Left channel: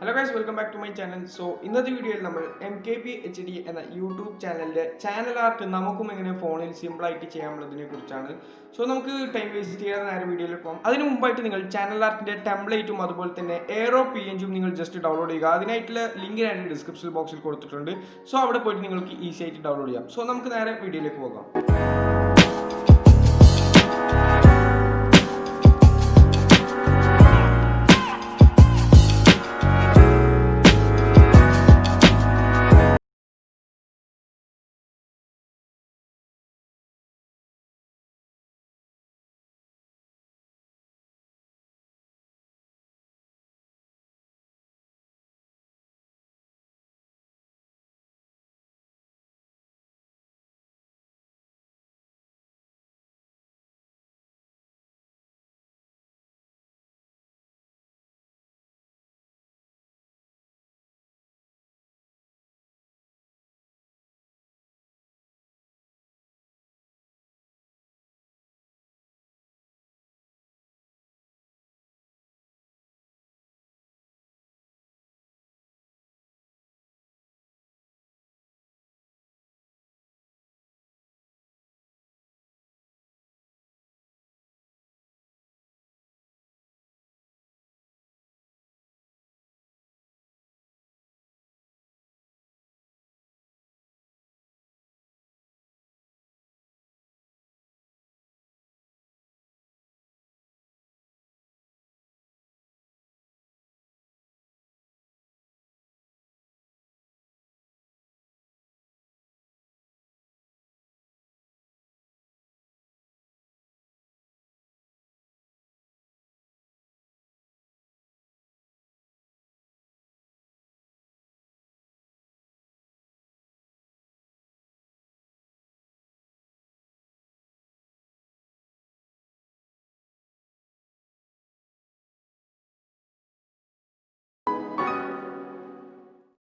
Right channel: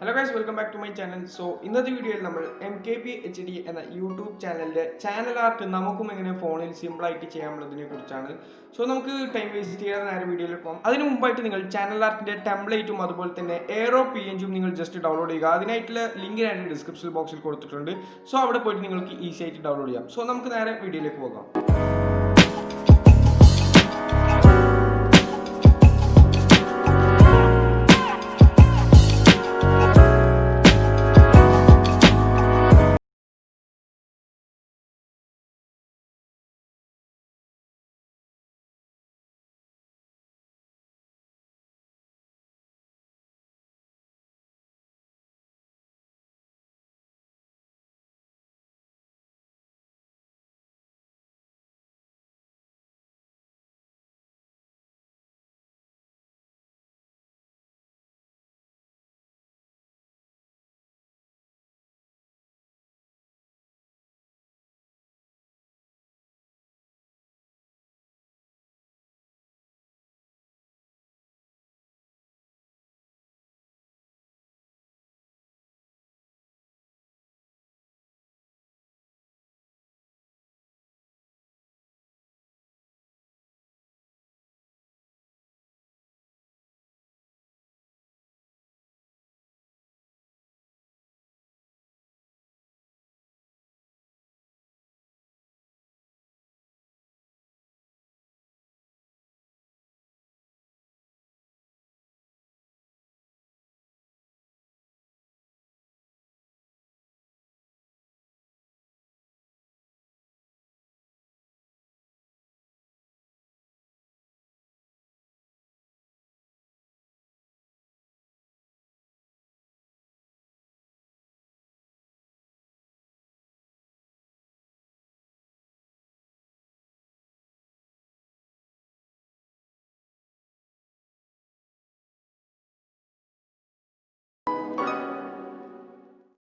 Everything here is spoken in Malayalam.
Hello guys, welcome back to my channel. So in this video Mkbhd എന്ന യൂട്യൂബ് ചാനലിലെ ചാനൽ ആർട്ട് നമുക്കും എങ്ങനെ ഫോണിൽ സിമ്പിൾ ആയിട്ട് ചെയ്യാമെന്നതിനെ കുറിച്ചാണ്. സോ നമുക്ക് ടൈം വേസ്റ്റ് ചെയ്യാതെ നേരെ വീഡിയോയിൽ പോകാം. അതിനു മുമ്പായിട്ട് നിങ്ങൾ ചാനൽ ആർട്ടിന്റെ ടെംപ്ലേറ്റും അതുപോലെ തന്നെ എയറോ PNGയും നിങ്ങൾ ജസ്റ്റ് ഡൗൺലോഡ് ചെയ്യുക. അതിനായിട്ടുള്ള ലിങ്ക് ഞാൻ ഡിസ്ക്രിപ്ഷൻ ബോക്സിൽ കൊടുത്തിട്ടുണ്ട്. സോ അവിടെ പോയിട്ട് നിങ്ങൾക്ക് ഈസി ആയിട്ട് ഡൗൺലോഡ് ചെയ്യാം. സോ നമുക്ക് നേരെ വീഡിയോയിലേക്ക് പോകാം.